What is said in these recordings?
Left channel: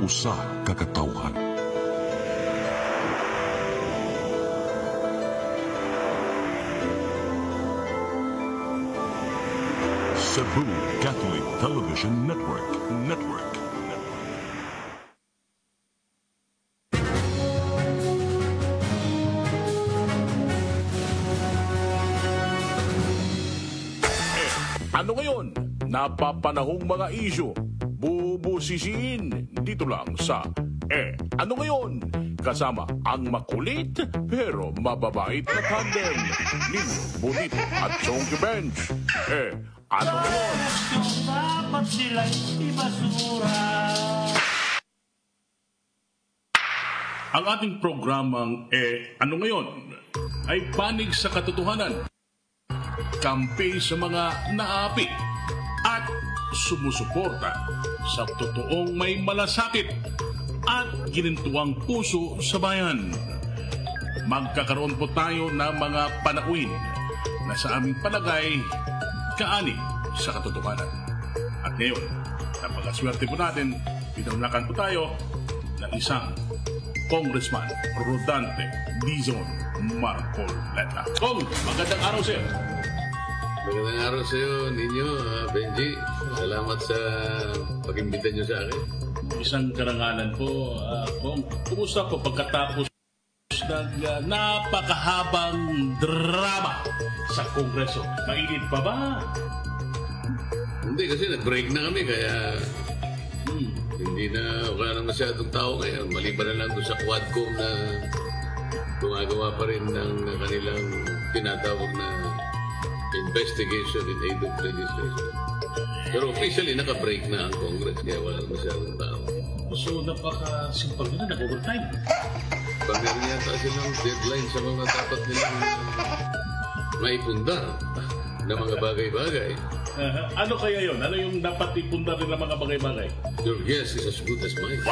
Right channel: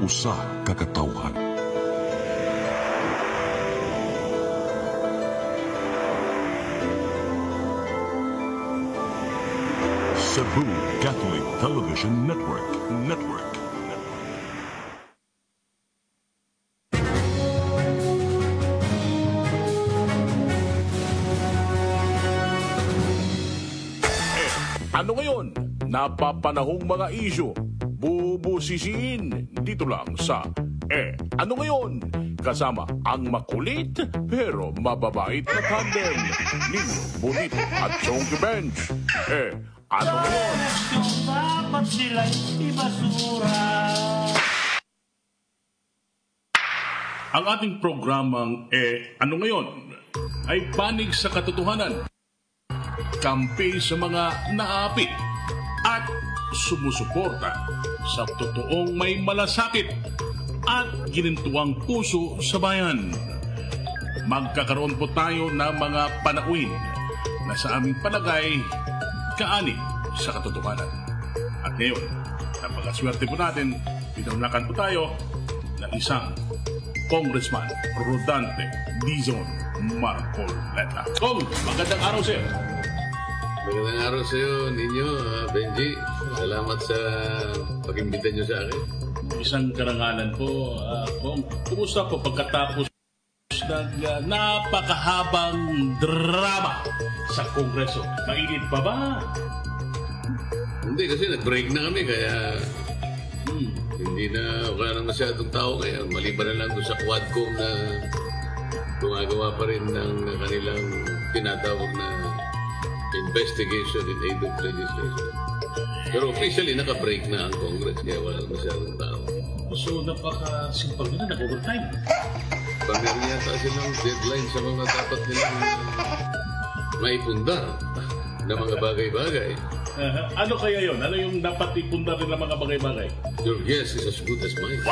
usa ka katawhan. Cebu Catholic Television Network. Ano ngayon? Napapanahong mga isyu, bubusisiin dito lang sa Ano Ngayon? Kasama ang makulit pero mababait na tandem, Nino Bonito at Chong Bench. Ano Ngayon? Dapat sila'y ibasura. Ang ating programang Ano Ngayon? Ay panig sa katotohanan, kampi sa mga naapi at sumusuporta sa totoong may malasakit at ginintuang puso sa bayan. Magkakaroon po tayo ng mga panauin na sa aming palagay kaani sa katotohanan. At ngayon, napakaswerte po natin, pinulakan po tayo na isang Congressman Rodante Dizon Marcoleta. Magandang araw sir. Magandang araw sa iyo, Ninyo, Benji. Salamat sa pag-imbita niyo sa akin. Isang karangalan po, Kung kumusta po pagkatapos ng napakahabang drama sa Kongreso? Mainit pa ba? Hindi, kasi nag-break na kami, kaya hindi na wala na masyadong tao ngayon. Maliban na lang doon sa Quadcom na gumagawa pa rin ng kanilang tinatawag na investigation in aid of legislation. Pero officially, naka-break na ang Congress, kaya wala masyadong tao. So, napaka-simpag na, nag-overtime. Pag-meron yata kasi ng deadline sa mga dapat nilang maipundar na mga bagay-bagay. Ano kaya yun? Ano yung dapat ipundar ng mga bagay-bagay? Your guess is as good as mine.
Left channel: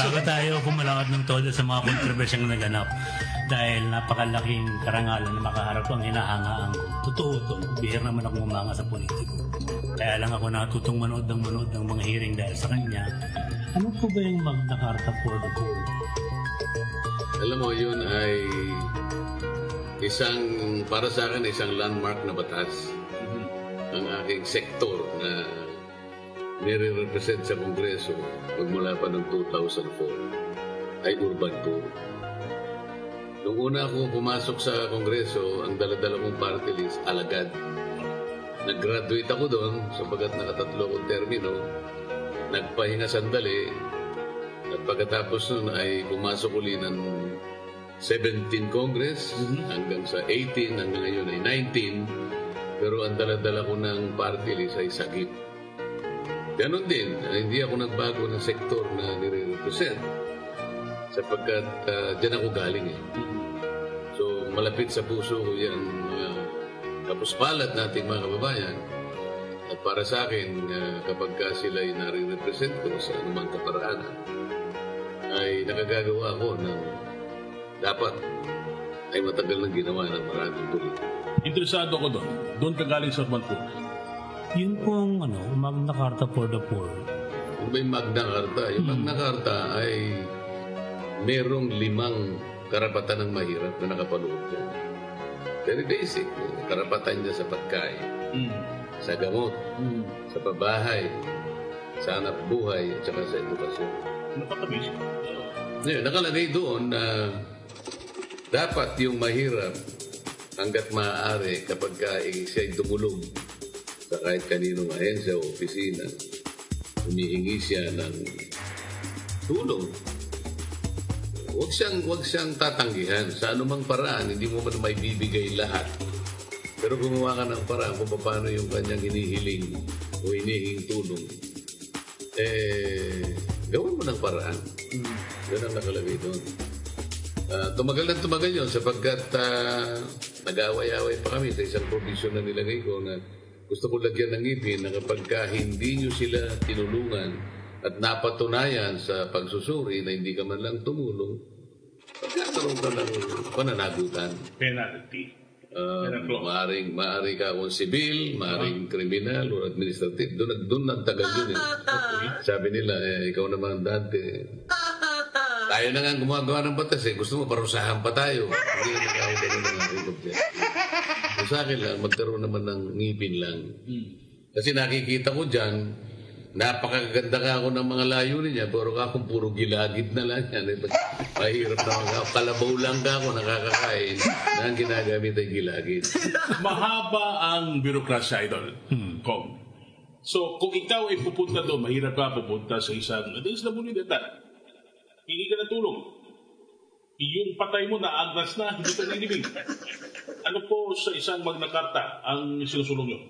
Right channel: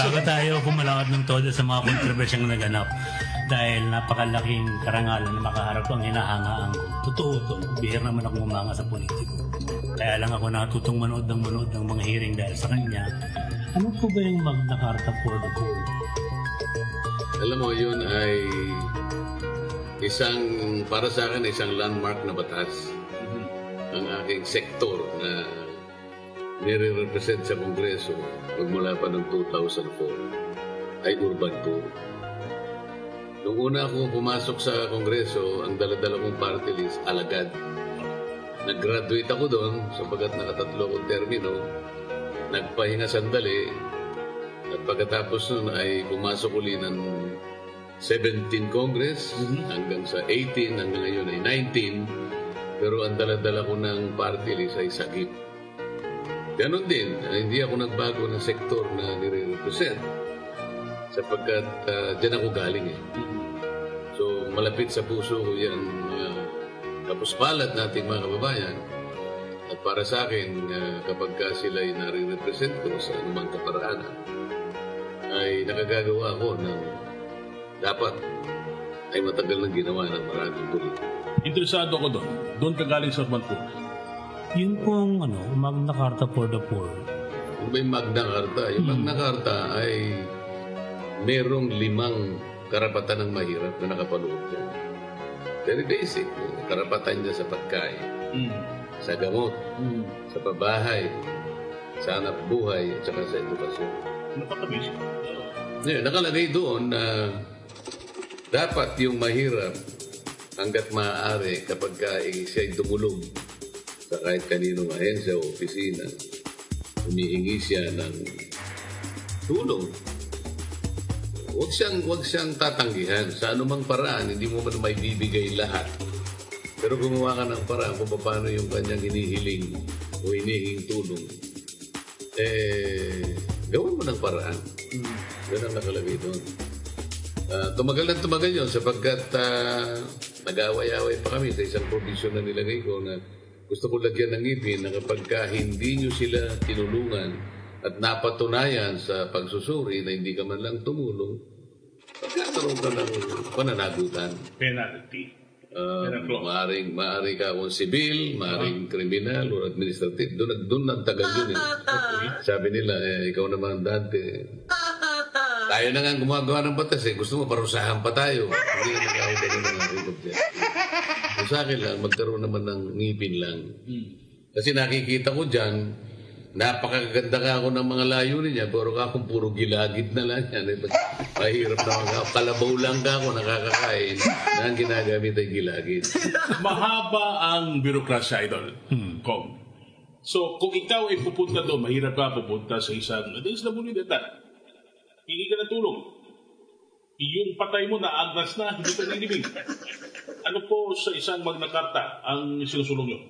Bakit tayo pumalakad ng todo sa mga kontrobersyang naganap? Dahil napakalaking karangalan na makaharap ang hinahangaan ko. Totoo ito, bihir naman ako umanga sa politiko. Kaya lang ako natutong manood ng mga hearing dahil sa kanya. Ano po ba yung Magna Carta for the Poor? Alam mo, yun ay para sa akin, isang landmark na batas. Ang aking sektor na nire-represent sa Kongreso magmula pa ng 2004 ay urban poor. Nung una akong pumasok sa Kongreso, ang dala-dala kong party list, alagad. Nag-graduate ako doon, sapagat nakatatlo akong termino, nagpahinga sandali, at pagkatapos nun ay pumasok uli ng 17 Congress, hanggang sa 18, hanggang ngayon ay 19, pero ang dala-dala ko ng party list ay sagip. Ganon din, hindi ako nagbago ng sektor na nire-represent, sapagkat dyan ako galing eh. So, malapit sa puso ko yan, tapos palad natin mga kababayan. At para sa akin, kapag sila ay nare-represent ko sa anumang kaparaan, ay nakagagawa ko na dapat ay matagal ng ginawa ng maraming politiko. Interesado ko doon. Doon ka galing sa urban poor. Yung pong Magna Carta for the Poor. Kung may Magna Carta, yung Magna Carta ay merong 5 karapatan ng mahirap na nakapanood dyan. Very basic. Karapatan niya sa pagkain, sa gamot, sa pabahay, sa anak buhay, at saka sa edukasyon. Napaka-basic. Yeah, nakalagay doon na dapat yung mahirap hanggat maaari kapag siya'y dumulog sa kahit kanino ahensya o opisina, humihingi siya ng tulong. Huwag siyang tatanggihan. Sa anumang paraan, hindi mo man maibibigay lahat. Pero gumawa ka ng paraan kung paano yung kanyang hinihiling o hinihing tulong. Gawin mo ng paraan. Yan ang nakalagay doon. Tumagal yun sapagkat nag-away-away pa kami sa isang provision na nilagay ko na gusto ko lagyan ng ngipin na kapag hindi nyo sila tinulungan at napatunayan sa pagsusuri na hindi ka man lang tumulong, pagkakaroon ka ng pananagutan. Penalty. Maaari ka kung civil, maaring criminal or administrative. Doon ang tagal yun. Sabi nila, ikaw naman dati. Tayo na nga gumagawa ng batas Gusto mo, parusahan pa tayo. Hindi na nakakagaling ng record yan. Sa akin lang, magkaroon naman ng ngipin lang. Kasi nakikita ko dyan, napakaganda ka ako ng mga layunin niya, pero akong puro gilagid na lang yan. Kahirap na mga kalabaw lang ka ako nakakakain na ang ginagamit ay gilagid. Mahaba ang birokrasya, Idol. Kong. So, kung ikaw ay pupunta doon, mahirap ka pupunta sa isang DSWD. Hindi ka na tulong. Yung patay mo na agras na, hindi ka nilibig. Ano po sa isang Magna Carta ang sinusulong nyo?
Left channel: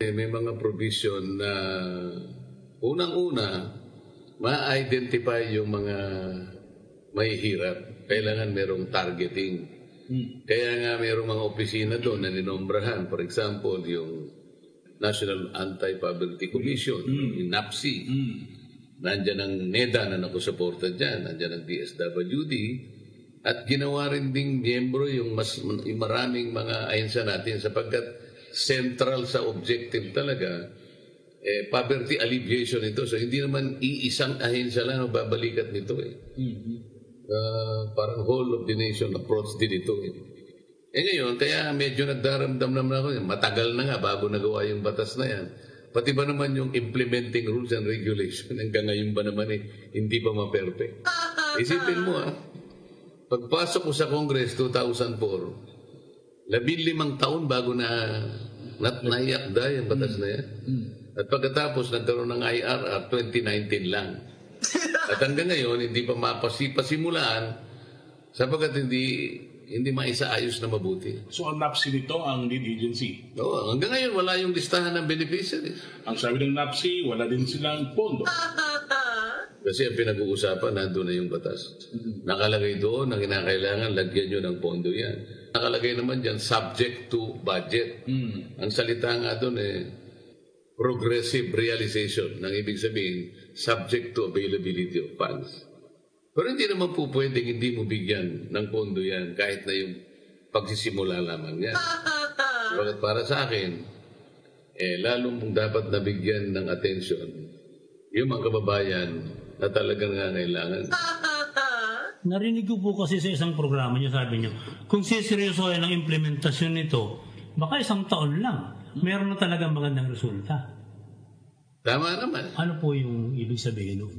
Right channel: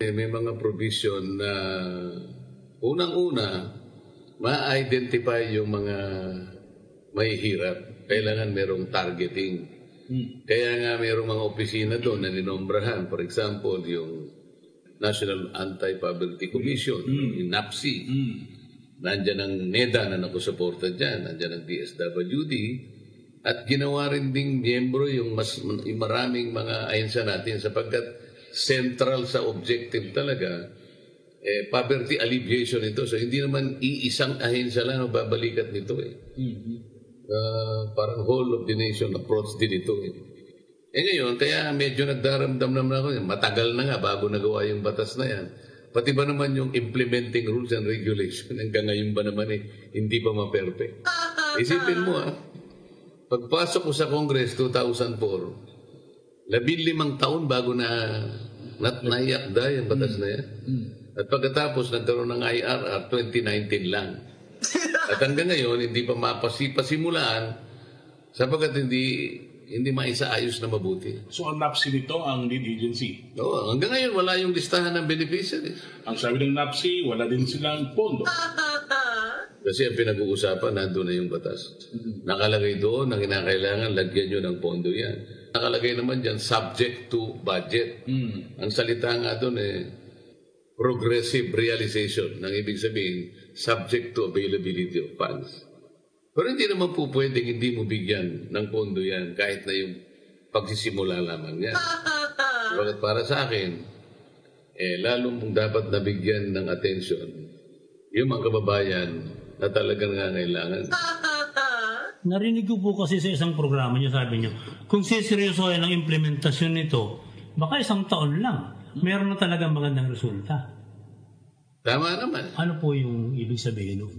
May mga provision na unang-una, ma-identify yung mga mahihirap. Kailangan merong targeting. Kaya nga merong mga opisina doon na ninombrahan. For example, yung National Anti-Poverty Commission, yung NAPSI. Nandiyan ang NEDA na nakusuporta dyan. Nandiyan ang DSWD. At ginawa rin ding miyembro yung maraming mga ahensa natin sapagkat central sa objective talaga, poverty alleviation ito. So, hindi naman iisang ahensya lang ang babalikat nito. Parang whole of the nation approach din ito. Ngayon, kaya medyo nagdaramdam naman ako. Matagal na nga bago nagawa yung batas na yan. Pati ba naman yung implementing rules and regulation, hanggang ngayon ba naman hindi pa ma-perfect? Isipin mo pagpasok ko sa Congress 2004, 15 taon bago na naiakda yung batas na yan. At pagkatapos, nagkaroon ng IRR, 2019 lang. At hanggang ngayon, hindi pa mapasimulaan sapagkat hindi maisaayos na mabuti. So, ang NAPSI nito, ang lead agency? Oo, hanggang ngayon, wala yung listahan ng beneficiaries. Ang sabi ng NAPSI, wala din silang pondo. Kasi ang pinag-uusapan, nandun na yung batas. Nakalagay doon, na kinakailangan, lagyan nyo ng pondo yan. Nakalagay naman dyan, subject to budget. Ang salita nga doon progressive realization. Nang ibig sabihin, subject to availability of funds. Pero hindi naman po pwedeng hindi mo bigyan ng pondo yan kahit na yung pagsisimula lamang yan. Bakit para sa akin, lalo mong dapat nabigyan ng atensyon yung mga kababayan na talagang nangangailangan. Narinig ko po kasi sa isang programa niyo, sabi niyo, kung siseryosohin ang implementasyon nito, baka 1 taon lang, meron na talagang magandang resulta. Tama naman. Ano po yung ibig sabihin nun?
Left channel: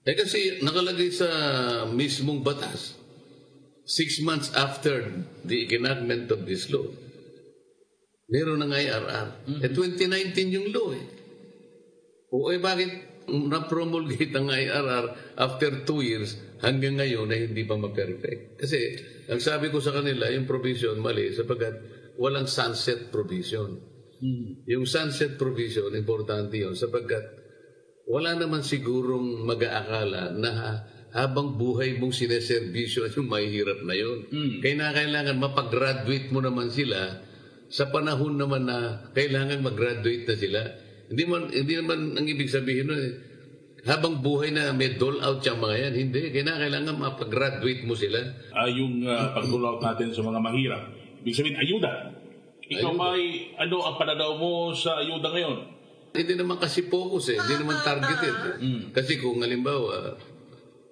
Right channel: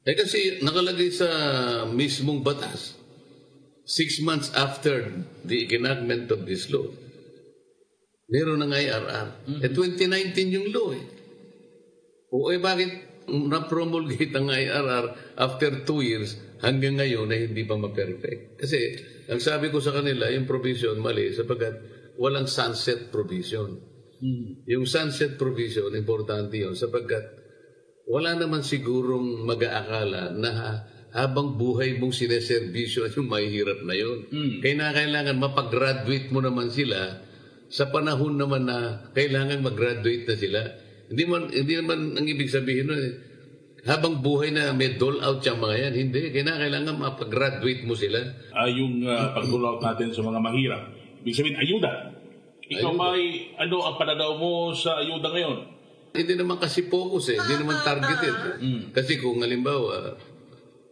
Kasi nakalagay sa mismong batas, 6 months after the enactment of this law, meron ng IRR. 2019 yung law bakit na-promulgate ang IRR after 2 years hanggang ngayon na hindi pa ma-perfect? Kasi, ang sabi ko sa kanila, yung provision mali sapagkat walang sunset provision. Yung sunset provision, importante yun sapagkat wala naman sigurong mag-aakala na habang buhay mong sineservisyo yung mahihirap na yun. Kaya kailangan mapag-graduate mo naman sila sa panahon naman na kailangan mag-graduate na sila. Hindi naman ang ibig sabihin nun habang buhay na may dole out yung mga yan. Hindi. Kailangan mapag-graduate mo sila. Yung pag-roll out natin sa mga mahirap. Ibig sabihin, ayuda. Ikaw may, ano ang pananaw mo sa ayuda ngayon? Hindi naman kasi focus hindi naman targeted. Kasi kung halimbawa,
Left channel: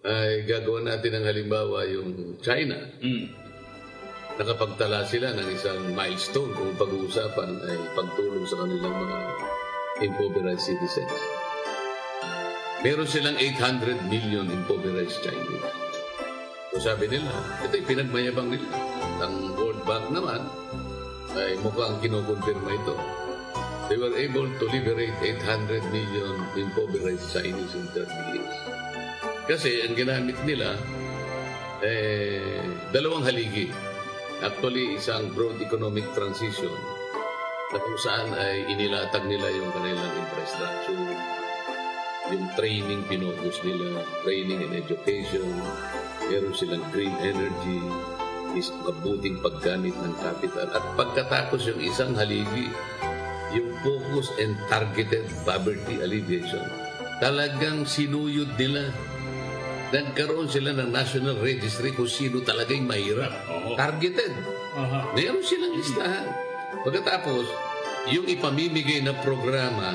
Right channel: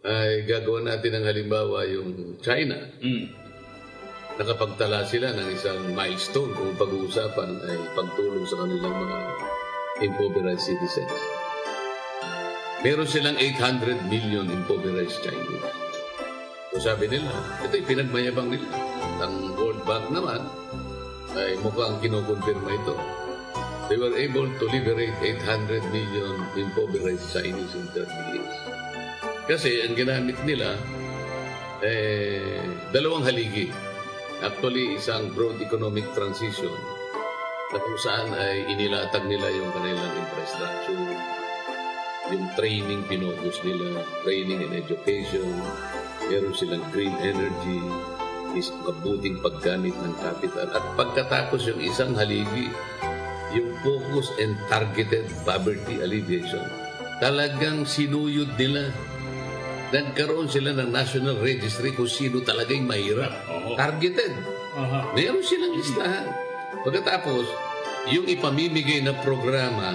ay gagawa natin ng halimbawa yung China, nakapagtala sila ng isang milestone kung pag-uusapan ay pagtulong sa kanilang mga impoverished citizens. Meron silang 800 million impoverished Chinese. So sabi nila, ito pinagmayabang nila. Ang World Bank naman ay mukhang kinukonfirma ito. They were able to liberate 800 million impoverished Chinese in 30 years. Kasi ang ginamit nila, 2 haligi. Actually, isang broad economic transition na kung saan ay inilatag nila yung kanilang infrastructure, yung training pinocus nila, training and education, meron silang green energy, is mabuting paggamit ng capital. At pagkatapos yung isang haligi, yung focus and targeted poverty alleviation, talagang sinuyod nila. Nagkaroon sila ng national registry kung sino talagang mahirap. Targeted. Meron silang listahan. Pagkatapos, yung ipamimigay na programa,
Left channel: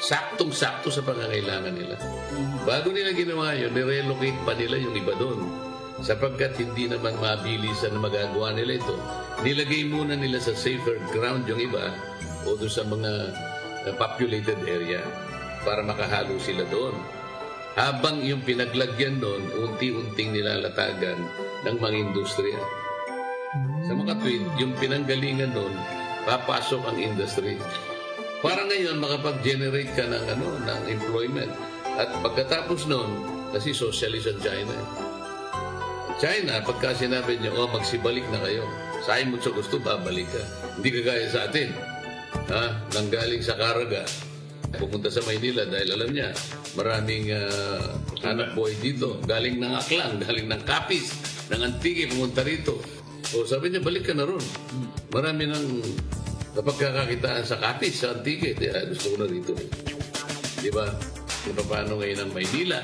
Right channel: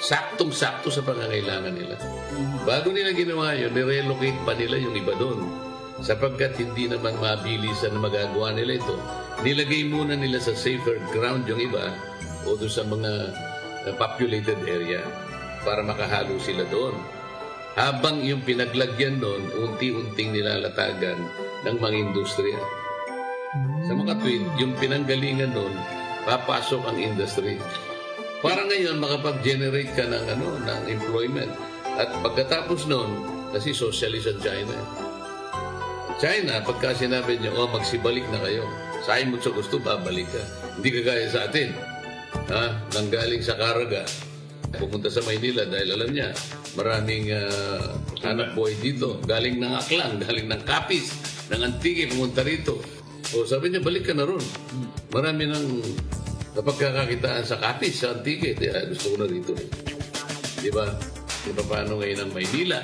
saktong-sakto sa pangangailangan nila. Bago nila ginawa yun, nirelocate pa nila yung iba doon. Sapagkat hindi naman mabilisan na magagawa nila ito. Nilagay muna nila sa safer ground yung iba o doon sa mga populated area para makahalo sila doon. Habang yung pinaglagyan doon, unti-unting nilalatagan ng mga industriya. Sa mga tweet, yung pinanggalingan doon, papasok ang industry. Para ngayon, makapag-generate ka ng, ng employment. At pagkatapos noon, kasi socialist ang China. China, pagka sinabi niya, magsibalik na kayo. Sahin mo sa gusto, babalik ka. Hindi kagaya sa atin. Nanggaling sa Caraga, pupunta sa Maynila dahil alam niya, maraming anak buhay dito. Galing ng Aklang, galing ng Capiz, ng Antique, pumunta rito. O sabi niya, balik ka na ron. Marami ng napagkakakitaan sa Capiz, sa Antique. Gusto ko na rito. Diba? Diba paano ngayon ang Maynila?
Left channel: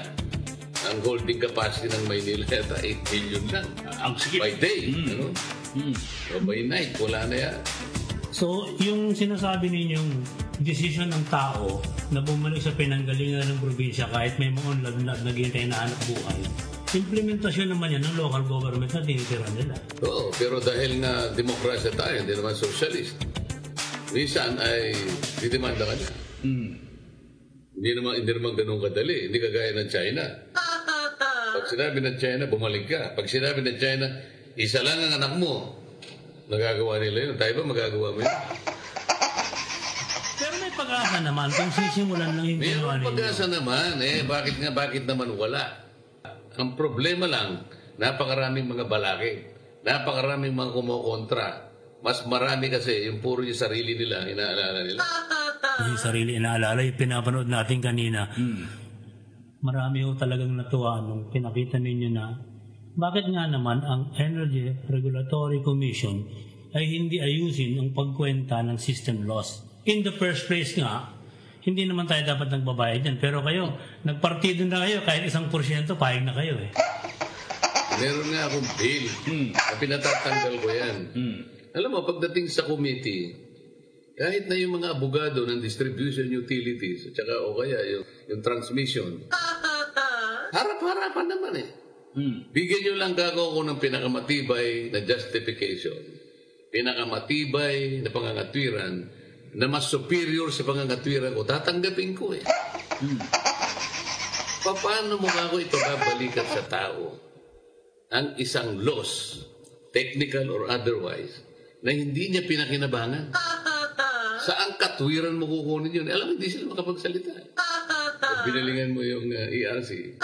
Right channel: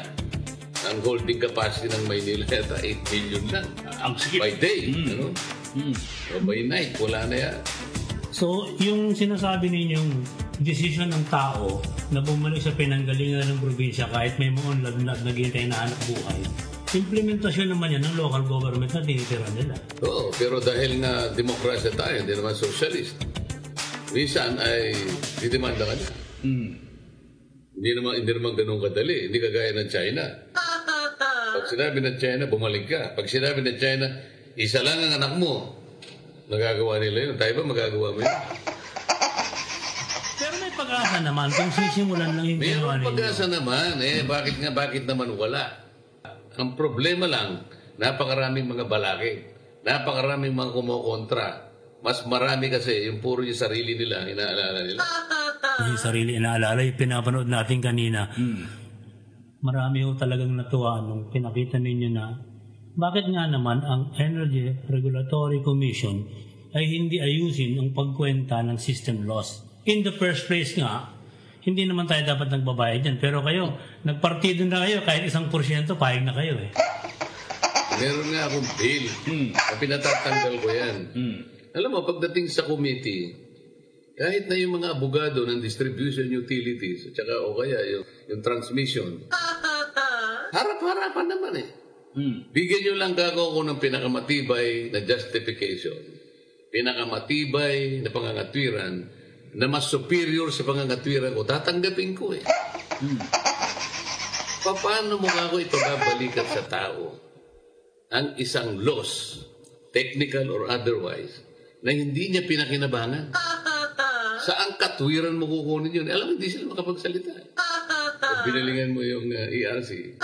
Ang holding capacity ng Maynila ay 8 million lang. Ang sige. By day. O by night, wala na yan. So, yung sinasabi ninyong decision ng tao na bumalik sa pinanggalingan ng probinsya kahit may mga unlad naghihintay na anak buhay, implementasyon naman yan ng local government na tinitira nila. Oo, pero dahil na demokrasya tayo, hindi naman socialist, minsan ay didemanda kami. Hindi naman ganun kadali. Hindi kagaya ng China. Pag sinabi ng China, bumalik ka. Pag sinabi ng China, isa lang ang anak mo, nagagawa nila yun. Tayo ba magagawa mo yun? Pero may pag-asa naman kung sisimulan lang yung ginawa nila. May pag-asa naman. Bakit naman wala? Ang problema lang, napakaraming mga balaki. Napakaraming mga kumukontra. Mas marami kasi yung puro yung sarili nila, inaalala nila. Yung sarili inaalala, yung pinapanood natin kanina. Marami ho talagang natuwa nung pinakita ninyo na bakit nga naman ang Energy Regulatory Commission ay hindi ayusin ang pagkwenta ng system loss. In the first place nga, hindi naman tayo dapat nagbabayad dyan. Pero kayo, nagpartido na kayo, kahit 1%, pahig na kayo eh. Meron nga akong bill. Pinatatanggal ko yan. Alam mo, pagdating sa committee, kahit na yung mga abogado ng distribution utilities, at saka o kaya yung transmission, harap-harapan naman eh. Bigyan nyo lang ako ng pinakamatibay na justification, pinakamatibay na pangangatwiran, na mas superior sa pangangatwiran ko, tatanggapin ko eh. Paano mo ako ito babalikan sa tao? Ang isang loss, technical or otherwise, na hindi niya pinakinabangan. Saan katwiran mo kukunin yun? Alam mo, hindi sila makapagsalita. Pag binalingan mo yung ERC.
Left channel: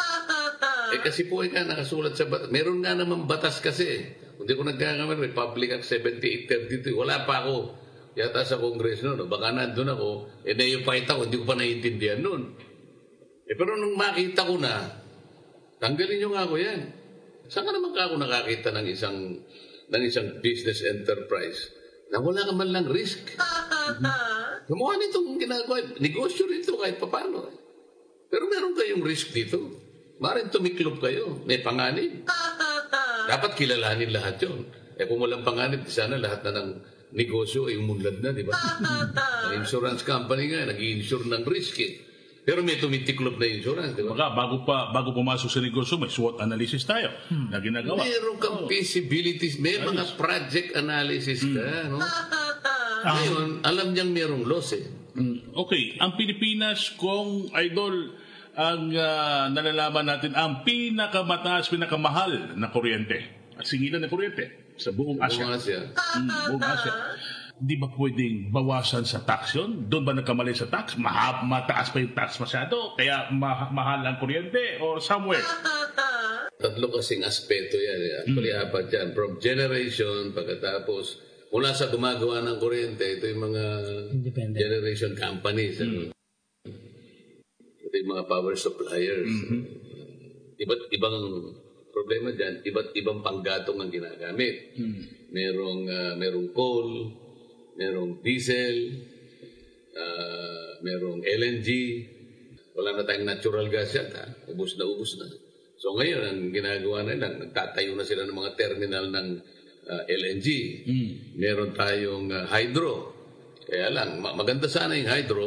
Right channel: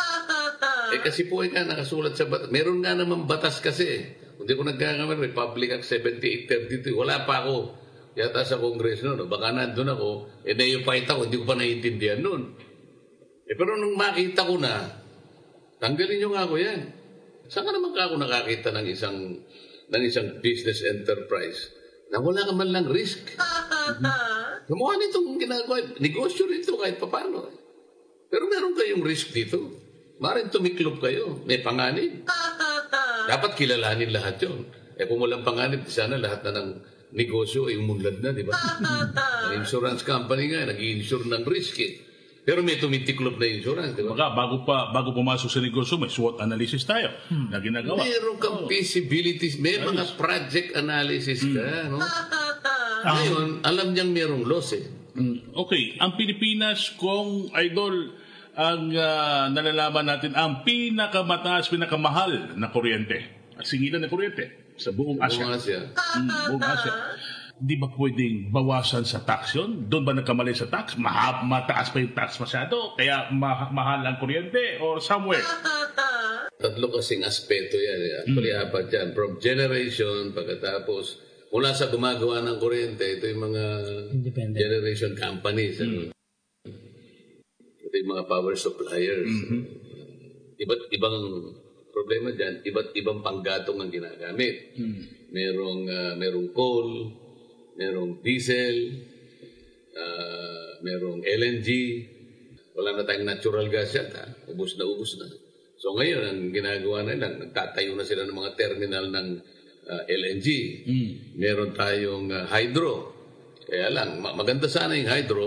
Kasi po ka nakasulat sa batas. Meron nga naman batas kasi. Hindi ko nagkakamali, Republic Act 7832. Wala pa ako yata sa Kongreso noon. Baka nandun ako, na-fight ako, hindi ko pa naiintindihan noon. Pero nung makita ko na, tanggalin nyo nga ako yan. Saan ka naman ako nakakita ng isang business enterprise na wala naman lang risk? Gumawa nitong ginagawa. Negosyo rito kahit papano. Pero meron kayong risk dito. Maaaring tumiklop kayo. May panganib. Dapat kilalanin lahat yun. Kung walang panganib, sana lahat na ng negosyo ay umunlad na, di ba? Ang insurance company nga, nag-i-insure ng risk eh. Pero may tumitiklop na insurance, di ba? Bago pumasok sa negosyo, may SWOT analysis tayo na ginagawa. Meron kang feasibilities, may mga project analysis ka, no? Ngayon, alam niyang merong loss eh. Okay, ang Pilipinas, kung idol, ang nalalaman natin, ang pinakamataas, pinakamahal na kuryente. Singilan na kuryente sa buong Asia. Buong Asia. Di ba pwedeng bawasan sa tax yun? Doon ba nagkamali sa tax? Mataas pa yung tax masyado? Kaya mahal ang kuryente? Or somewhere? Tatlo kasing aspeto yan. Actually, apat yan. From generation, pagkatapos, mula sa gumagawa ng kuryente, ito yung mga generation companies. Ito yung mga power suppliers. Iba't ibang problema dyan, iba't ibang panggatong ang ginagamit. Merong coal, merong diesel, merong LNG, wala na tayong natural gas yan, ubos na. So ngayon, ang ginagawa na lang, nagtatayo na sila ng mga terminal ng LNG. Meron tayong hydro. Kaya lang, maganda sana yung hydro.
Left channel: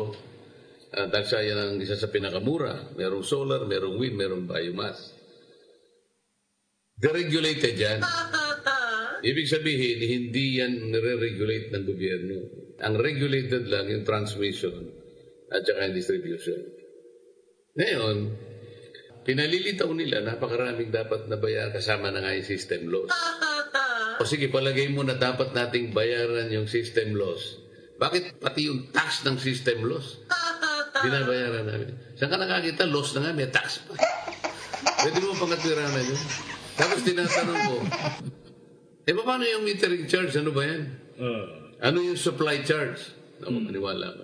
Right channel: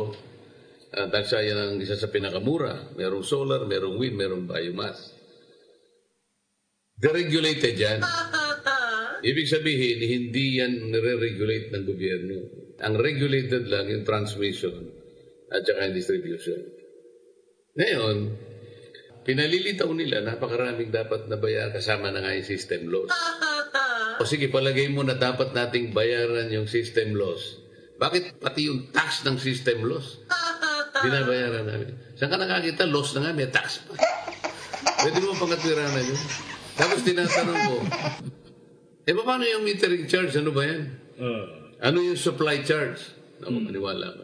Dahil siya yan ang isa sa pinakamura. Merong solar, merong wind, merong biomass. Deregulated yan. Ibig sabihin, hindi yan nire-regulate ng gobyerno. Ang regulated lang yung transmission at saka yung distribution. Ngayon, pinalilitaw nila, napakaraming dapat na bayaran kasama na nga yung system loss. O sige, palagay mo na dapat nating bayaran yung system loss. Bakit pati yung tax ng system loss? Binabayaran namin. Saan ka nakakita? Loss na nga, may tax pa. Pwede mo pangapiranan yun. Tapos tinatanong ko, paano yung metering charge? Ano ba yan? Ano yung supply charge? Ako, maniwala ko.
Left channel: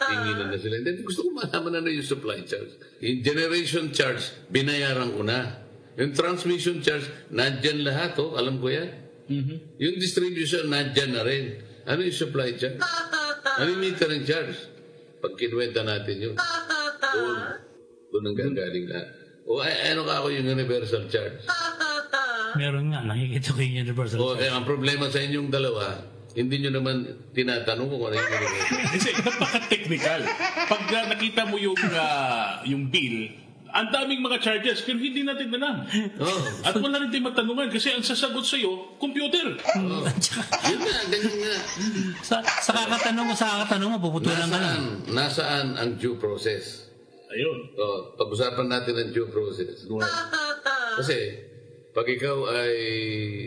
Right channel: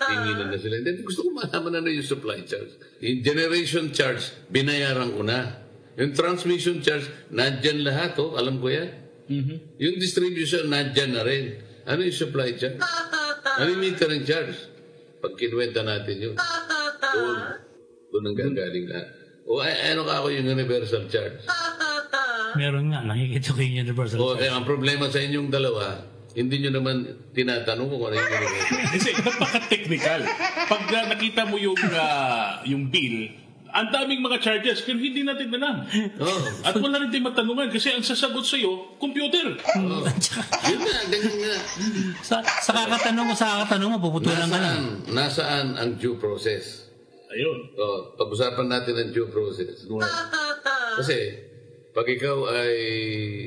Tinginan na sila. Hindi, gusto ko malaman ano yung supply charge. Yung generation charge, binayaran ko na. Yung transmission charge, nandyan lahat, alam ko yan. Yung distribution, nandyan na rin. Ano yung supply charge? Ano yung metering charge? Pag kinuwenta natin yun, doon ang gagaling lahat. O ano ka ako yung universal charge? Meron nga, nakikita ko yung universal charge. Kaya ang problema sa inyong dalawa, hindi nyo naman tinatanong kung ano yung universal charge. Kasi napaka-technical. Pag nakita mo yung bill, ang daming mga charges kung hindi natin alam. At wala rin din magtanungan kasi ang sasagot sa'yo, computer. Yun na, ganyan nga. Sa kakatanong mo, puputulan ka lang. Nasaan ang due process? Ayun. Pag-usapan natin ang due process. Kasi, pag ikaw ay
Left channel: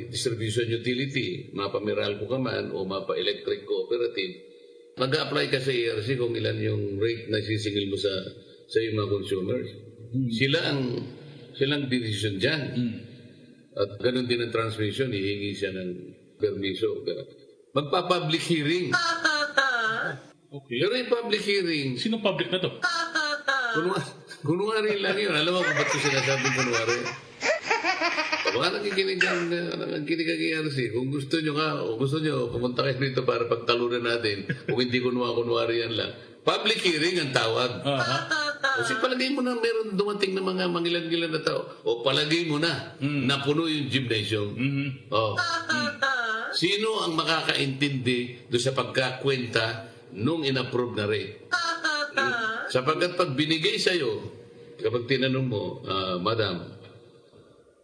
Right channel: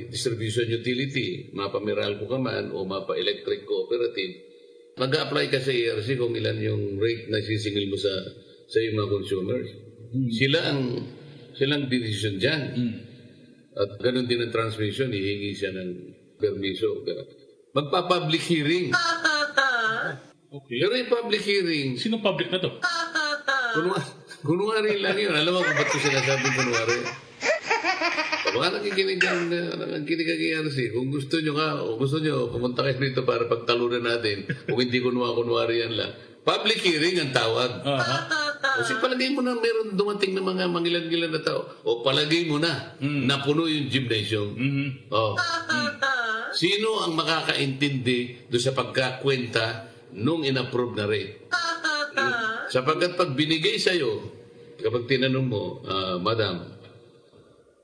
distribution utility, mapa-Meralco ka man o mapa-electric cooperative, mag-apply ka sa ERC kung ilan yung rate na sisingil mo sa iyong mga consumers. Sila ang decision dyan. At ganun din ang transmission, hihingi siya ng permiso. Magpa-public hearing. Okay. Pero yung public hearing, Sino public na to? kunwari lang yun. Alam mo kung ba't ko sinasabing kunwari? Baka nakikinig ang ERC. Kung gusto nyo, pumunta kayo dito para pagtalunan natin. Kung hindi kunwari yan lang. Public hearing ang tawag. Kasi palagay mo na meron dumating na mga mangilan-gilan na tao. O palagay mo na, napuno yung gymnasium. Sino ang makakaintindi doon sa pagkakwenta nung inapprove na rate? Sapagkat pag binigay sa'yo, kapag tinanong mo, Madam,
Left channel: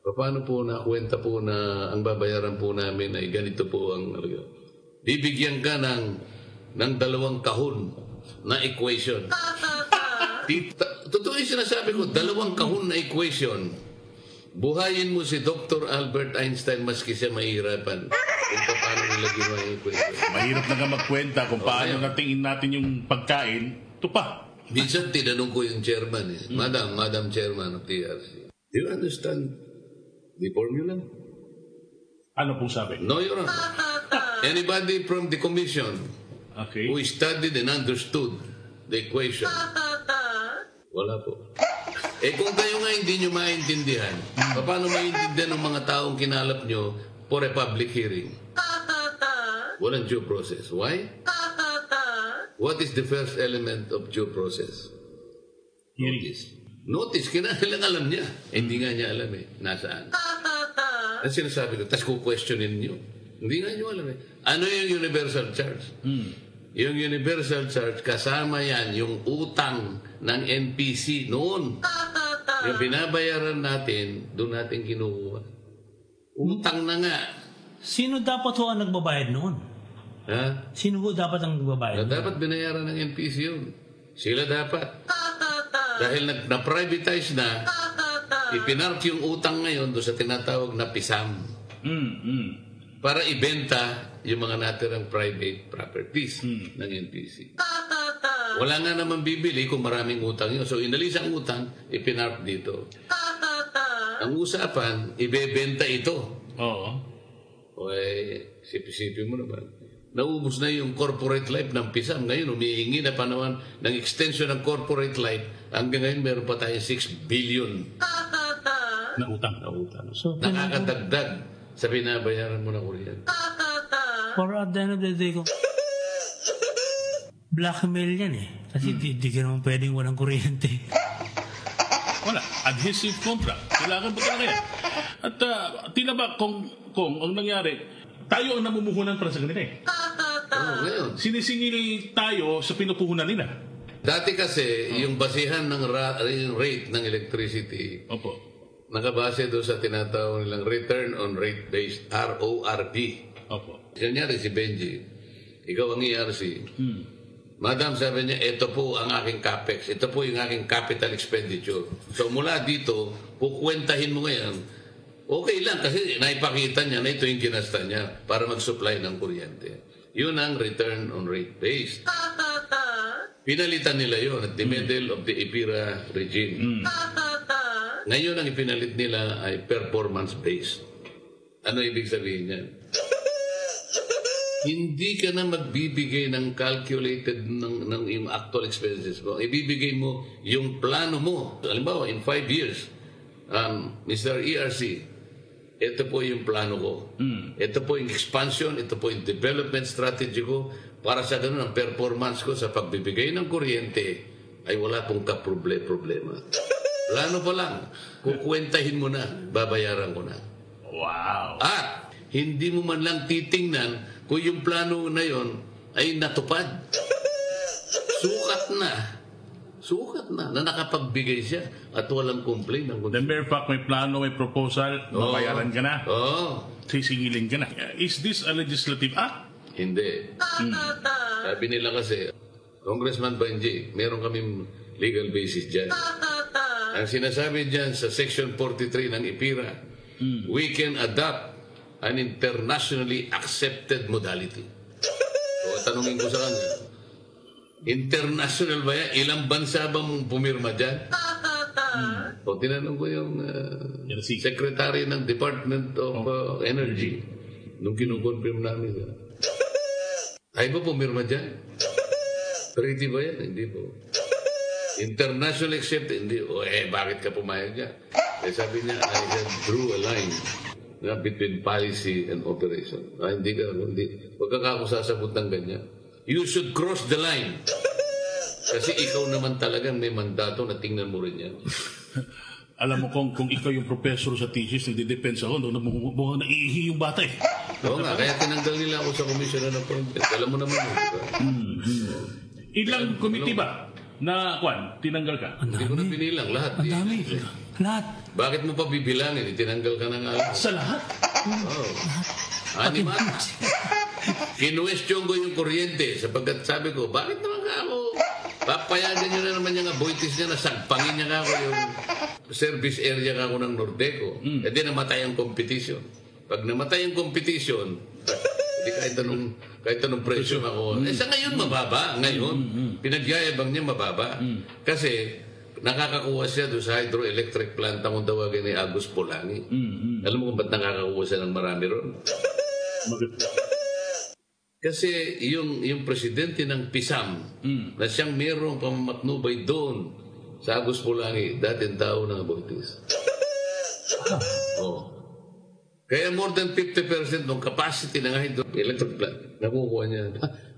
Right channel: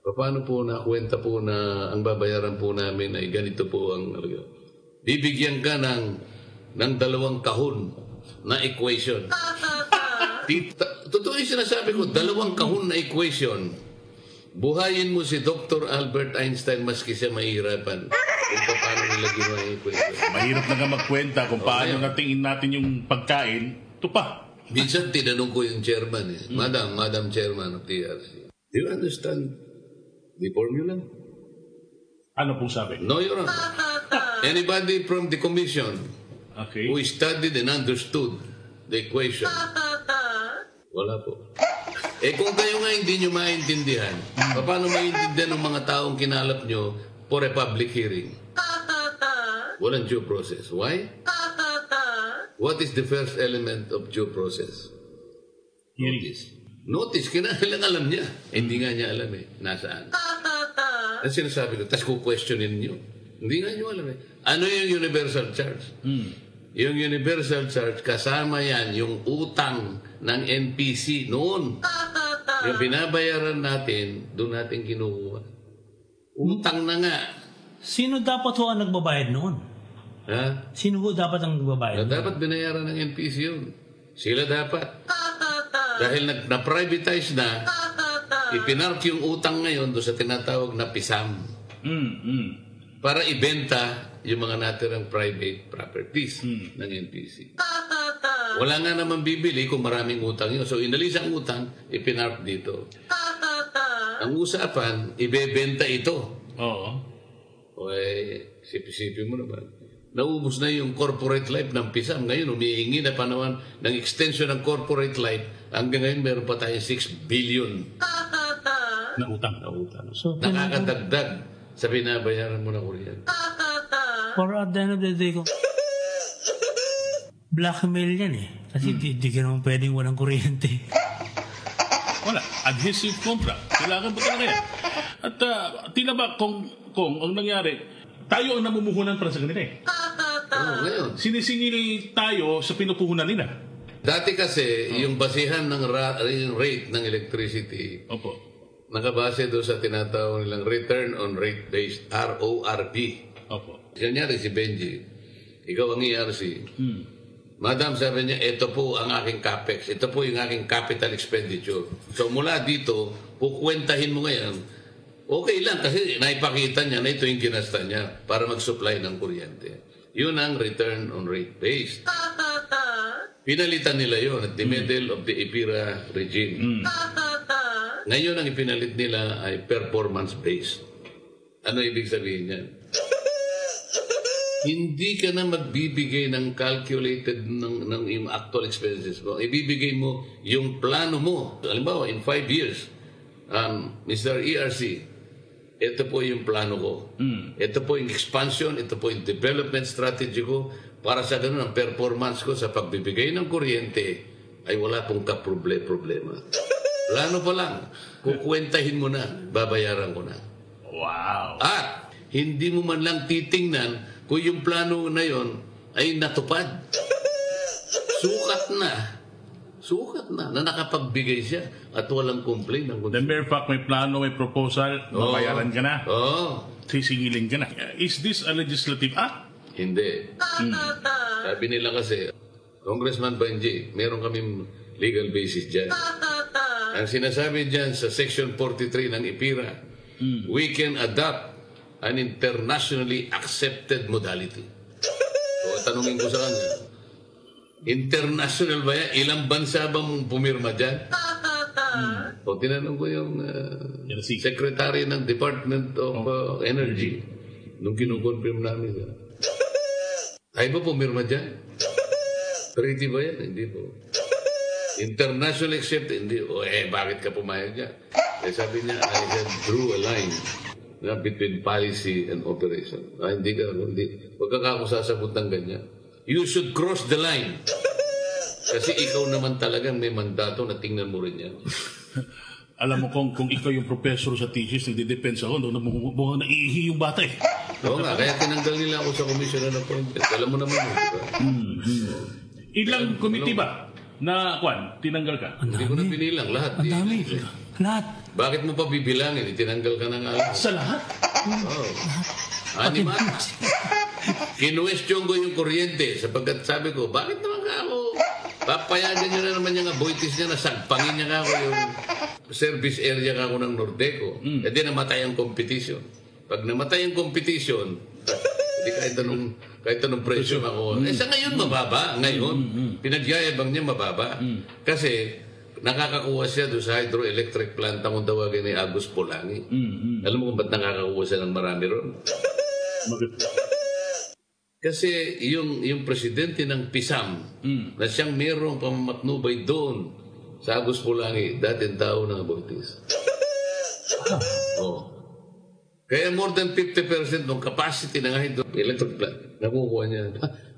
paano po na kwenta po na ang babayaran po namin ay ganito po ang bibigyan ka ng 2 tahon na equation. Totoo yung sinasabi ko, 2 kahon na equation. Buhayin mo si Dr. Albert Einstein maski siya mahirapan kung paano nila ginawa yung equation. Mahirap na nga magkwenta kung paano natingin natin yung pagkain. Ito pa. Minsan tinanong ko yung chairman, Madam Chairman of TRC, do you understand the formula? Ano pong sabi? No, Your Honor. Anybody from the commission who studied and understood the equation? Wala po. Kung kayo nga hindi nyo maintindihan, paano maintindihan ng mga taong kinalap nyo for a public hearing? Walang due process. Why? What is the first element of due process? Notice. Kailangan alam niya. Hindi nga niya alam Nasaan? Ang sinasabi ko, tapos questionin nyo. Hindi nga nyo alam Ano yung universal charge? Yung universal charge, kasama yan yung utang ng NPC noon. Yung binabayaran natin, doon natin kinukuha. Utang na nga. Sino dapat ho ang nagbabayad noon? Sino ho dapat ang nagbabayad noon? Dapat binayaran ng NPC yun. Sila dapat. Dahil na-privatize na, ipinark yung utang ngayon doon sa tinatawag na PISAM. Para ibenta yung mga natirang private properties ng NPC. Wala nga naman bibili kung maraming utang yun. So, inalis ang utang, ipinark dito. Ang usapan, ibebenta ito. Sipi-sipi mo naman. Naubos na yung corporate life ng PISAM. Ngayon, humihingi na panahon ng extension ng corporate life. Hanggang ngayon, meron pa tayo 6 billion na utang. So, nakakadagdag sa binabayaran mo na kuryente. For at the end of the day, blackmail yan Kasi di ka naman pwedeng walang kuryente. Wala. Adhesive contract. Kailangan ba talaga yan? At tila ba kung ang nangyari, tayo ang namumuhunan para sa kanila eh. Ngayon. Sinisingil tayo sa pinupuhunan nila. Dati kasi, yung basihan ng yung rate ng electricity, Opo. nakabase doon sa tinatawag nilang Return on Rate Base, RORB. Opo. Kanyari si Benji, ikaw ang ERC. Madam, sabi niya, ito po ang aking capex. Ito po yung aking capital expenditure. So mula dito, kukwentahin mo ngayon, okay lang kasi naipakita niya na ito yung ginasta niya para mag-supply ng kuryente. Yun ang return on rate base. Pinalitan nila yun at the middle of the EPIRA regime. Ngayon ang ipinalit nila ay performance-based. Ano ibig sabihin niya? Hindi ka na magbibigay ng calculated ng yung actual expenses mo. Ibibigay mo yung plano mo. Halimbawa, in 5 years, Mr. ERC, ito po yung plano ko. Ito po yung expansion, ito po yung development strategy ko para sa ganun ang performance ko sa pagbibigay ng kuryente ay wala pong problema. Plano pa lang, kukwentahin mo na, babayaran ko na. Wow. At hindi mo man lang titingnan kung yung plano na yon ay natupad. Sukat na nakapagbigay siya at walang complaint. The mere fact may plano, may proposal, babayaran ka na. Sisingilin ka na. Is this a legislative act? Hindi. Sabi nila kasi, Congressman Benji, meron kaming legal basis dyan. Ang sinasabi dyan sa Section 43 ng IPIRA, we can adopt an internationally accepted modality. So, tanungin ko sa kanya, international ba yan? Ilang bansa ba mong pumirma dyan? O, tinanong ko yung secretary ng Department of Energy nung kinukonfirm namin. Ay ba pumirma dyan? Treaty ba yan? Hindi po. International accepted? Hindi. O, bakit ka pumayag dyan? Sabi niya, I have drew a line between policy and operation. Hindi ka, huwag ka ako sasabot ng ganyan. You should cross the line. Kasi ikaw naman talagang may mandato na tingnan mo rin yan. Alam mo kung ikaw yung professor sa thesis, hindi depends ako, mukhang naiihi yung bata eh. Oo nga, kaya tinanggal nila ako sa komisyon na appointment. Alam mo naman yun, diba? Ilang committee ba na, tinanggal ka? Hindi ko na pinilang, lahat. Ang dami. Lahat. Bakit mo pa bibilangin? Tinanggal ka na nga. Sa lahat? Animal. Kinuwestiyon ko yung kuryente sapagkat sabi ko, bakit naman nga ako? Kapayagan niya na naman yung aboitis niya na sagpangin niya nga ako yung service area nga ako ng Nordeco. Hindi namatay ang competition. Pag namatay ang competition, hindi kahit anong presyo ako. Sa ngayon mababa. Ngayon, pinagyayabang niya mababa. Kasi nakakakuha siya doon sa hydroelectric plant ang tawagin ni Agus Polani. Alam mo kung ba't nakakakuha siya ng marami ron? Kasi yung presidente ng PISAM na siyang mayroong pamamatnubay doon sa Agus Polani, dating tao ng Aboitis. Kaya more than 50% ng capacity ng hydroelectric plant nakukuha niya.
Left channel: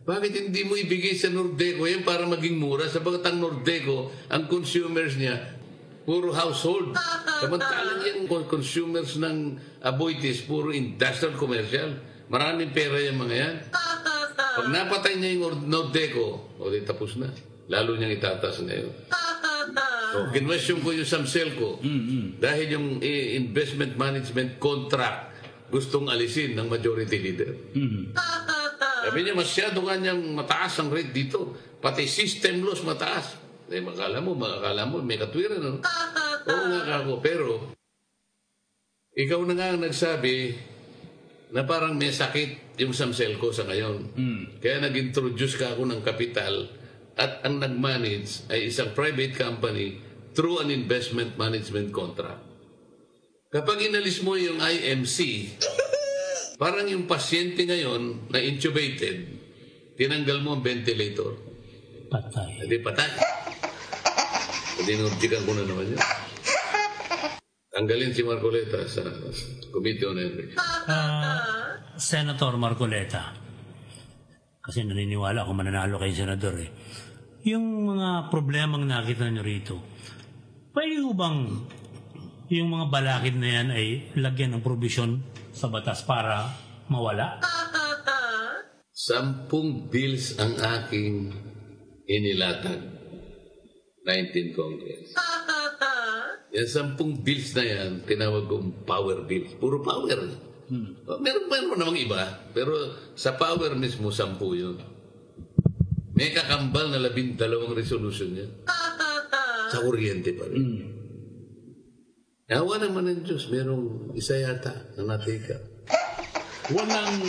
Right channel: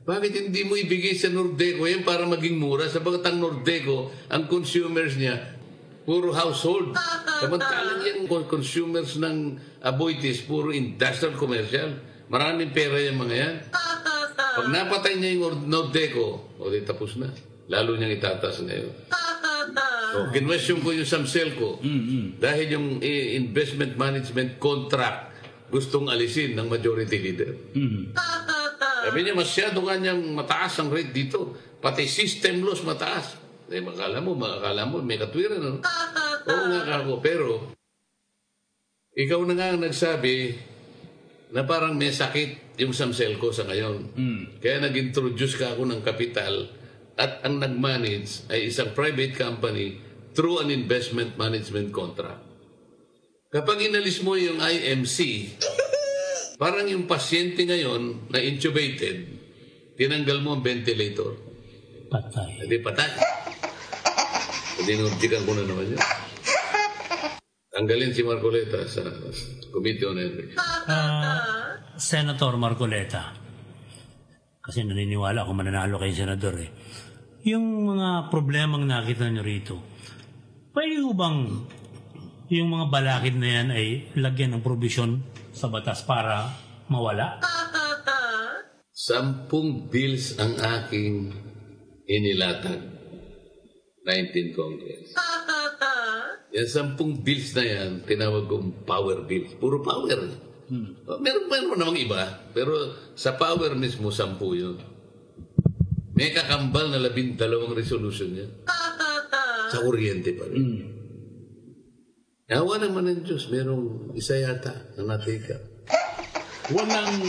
Bakit hindi mo ibigay sa Nordeco yan para maging mura? Sabagat ang Nordeco, ang consumers niya, puro household. Samantalang yung consumers ng Aboitis, puro industrial commercial. Maraming pera yung mga yan. Pag napatay niya yung Nordeco, di tapos na. Lalo niyang itatas ngayon. Kinwestiyon ko yung Samselco dahil yung investment management contract gustong alisin ng majority leader. Sabi niya, masyado kanyang mataas ang rate dito. Pati system loss mataas. Makala mo, may katwiran. No? Oo nga ako. Pero, ikaw na nga nagsabi na parang may sakit yung Samselco sa ngayon. Kaya nag-introduce ka ako ng kapital at ang nag-manage ay isang private company through an investment management contract. Kapag inalis mo yung IMC, parang yung pasyente ngayon na intubated, tinanggal mo ang ventilator. Patay. Hindi patay. Hindi nguntikan ko na naman yun. Tanggalin si Marcoleta sa Committee on Energy. Senator Marcoleta, kasi naniniwala ako mananalo kay Senador eh. Yung mga problemang nakita nyo rito, pwede bang yung mga balakid na yan ay lagyan ng provision sa batas para Mawala? 10 bills ang aking inilatag. 19 Congress. Yan 10 bills na yan, tinawag kong power bills. Puro power. Meron namang iba, pero sa power mismo, 10 yun. May kakambal na 12 resolution niya. Sa kuryente pa rin. Awa naman ng Diyos, merong isa yata na natika. Walang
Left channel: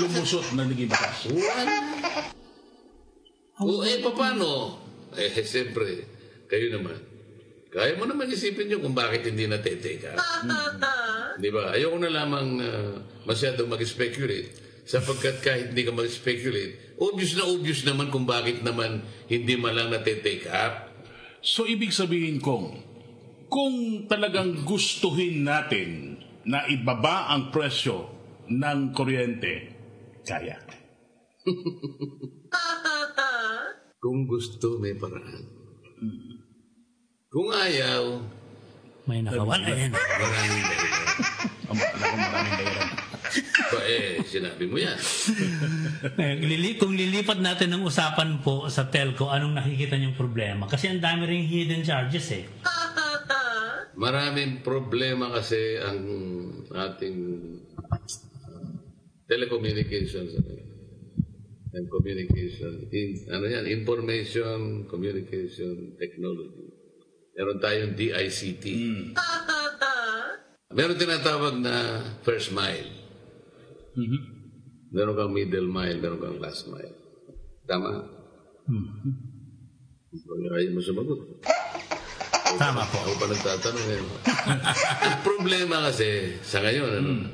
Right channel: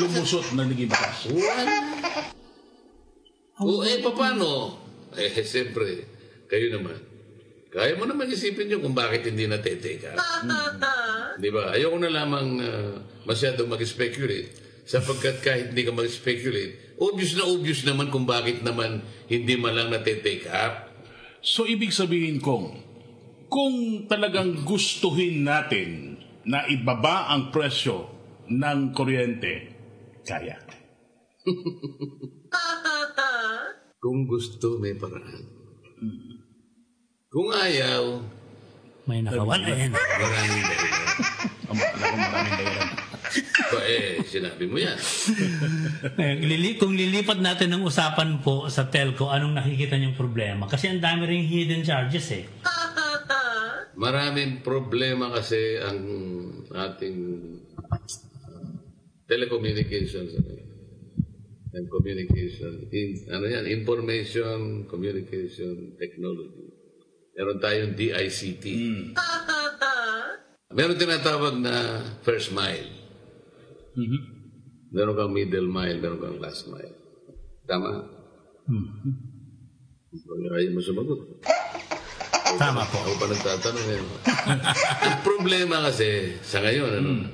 lumusot na naging bakas. Paano? Siyempre, kayo naman. Kaya mo naman isipin nyo kung bakit hindi nateteka. Di ba? Ayoko na lamang masyadong mag-speculate. Sapagkat kahit hindi ka mag-speculate, obvious naman kung bakit naman hindi malang nateteka. So, ibig sabihin kung talagang gustuhin natin na ibaba ang presyo ng kuryente, kaya. Kung gusto, may paraan. Kung ayaw, May nakawala yan. maraming dahilan. Sinabi mo yan. Kung lilipat natin ng usapan po sa telco, anong nakikita niyong problema? Kasi ang dami ring hidden charges eh. Maraming problema kasi ang ating telecommunications and communication, information communication technology. Meron tayong DICT. Meron tinatawag na first mile. Meron kang middle mile, meron kang last mile. Tama? Ayaw mo sumagot. Tama po. Ako pa nagtatanong eh. Ang problema kasi sa ngayon,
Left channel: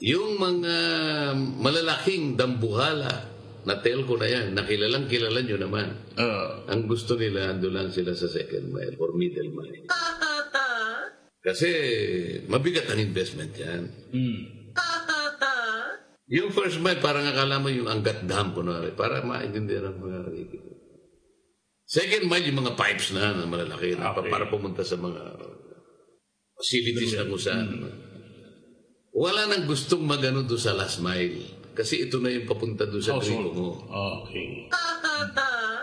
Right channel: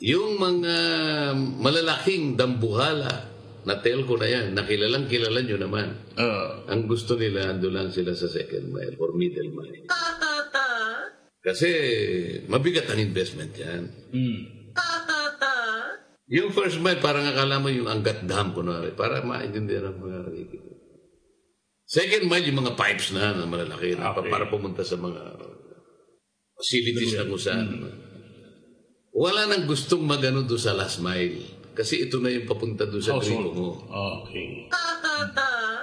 yung mga malalaking dambuhala na telco na yan, nakilalang kilala nyo naman. Ang gusto nila, ando lang sila sa second mile or middle mile. Kasi mabigat ang investment yan. Yung first mile, parang akala mo yung Angat Dam ko na para maintindihan ang mga rikito. Second mile, yung mga pipes na yan, ang malalaki, para pumunta sa mga facilities na kung saan. Wala nang gustong magano doon sa last mile. Kasi ito na yung papunta doon sa trilo mo. Okay.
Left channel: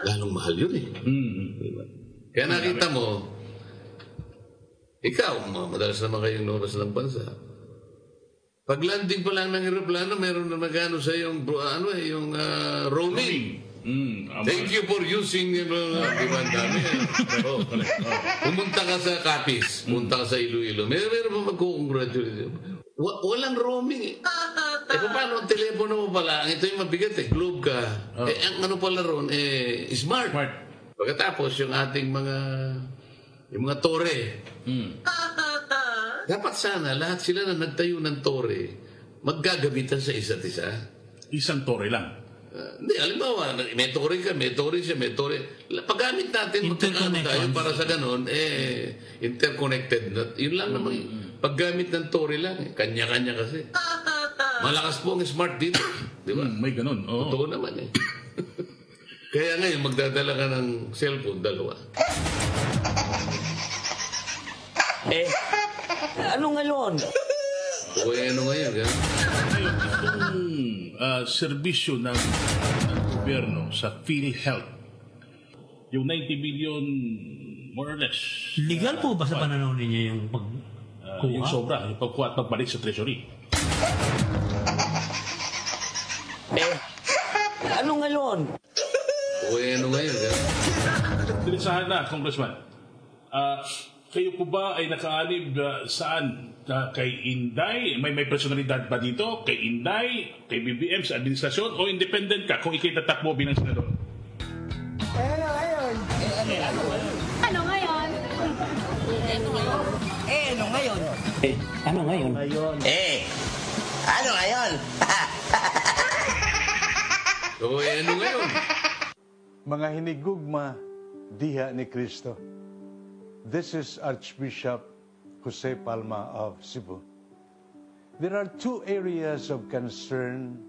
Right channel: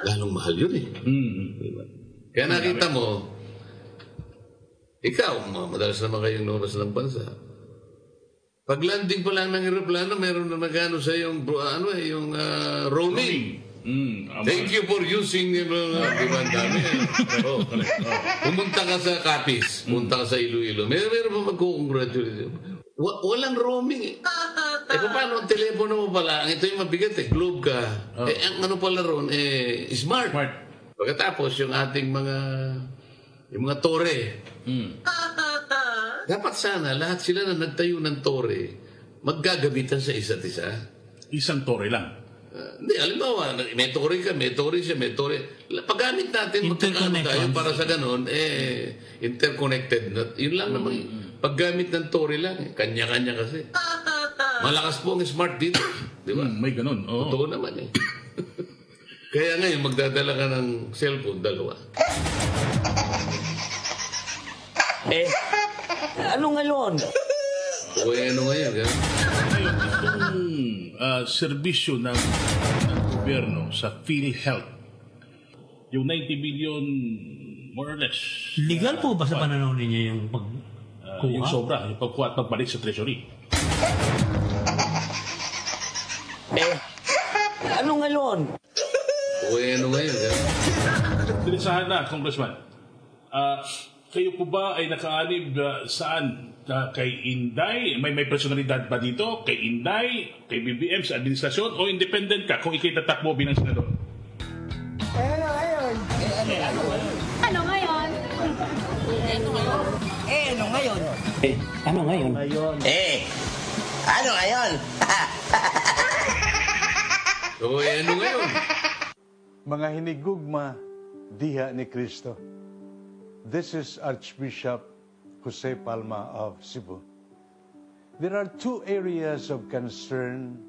Lalong mahal yun eh. Diba? Kaya nakita mo, ikaw, madalas naman kayong lumabas ng bansa. Pag landing pa lang ng aeroplano, meron na nagano sa yung roaming. Thank you for using pumunta ka sa Capiz, pumunta ka sa Iloilo. Meron pa magkukongratulate. Walang roaming eh. Paano ang telepono mo pala? Ito yung mabigat eh, globe ka. Ang ano pala ron, smart. Pagkatapos yung ating mga tore. Dapat sana lahat sila na nagtayo ng tore, maggagabitan sa isa't isa. Isang tore lang. Hindi, alam may tore ka, may tore siya, may tore. Paggamit natin, para sa ganun, interconnected. Yun lang naman. Paggamit ng tore lang, kanya-kanya kasi. Malakas po ang smart dito. Di ba? May ganun. Totoo naman eh. Kaya ngayon, magdadala ka ng cellphone, 2. Ano ngayon? Ano ngayon? Itong serbisyo ng gobyerno sa PhilHealth, yung 90 billion, more or less. Legal po ba sa pananaw ninyo yung pagkuha? Yung sobra, yung pagkuha at pagbalik sa treasury. Ano ngayon? Ano ngayon? Interesahan na, Congressman. Kayo po ba ay nakaanib saan? Kay Inday? May personalidad ba dito? Kay Inday? Kay BBM? Sa administrasyon? O independent ka kung ikay tatakbo bilang senador? Ano ngayon? Ano ngayon? Ano ngayon? Ano ngayon? Ano ngayon? Mga hinigugma diha ni Kristo. This is Archbishop Jose Palma of Cebu. There are 2 areas of concern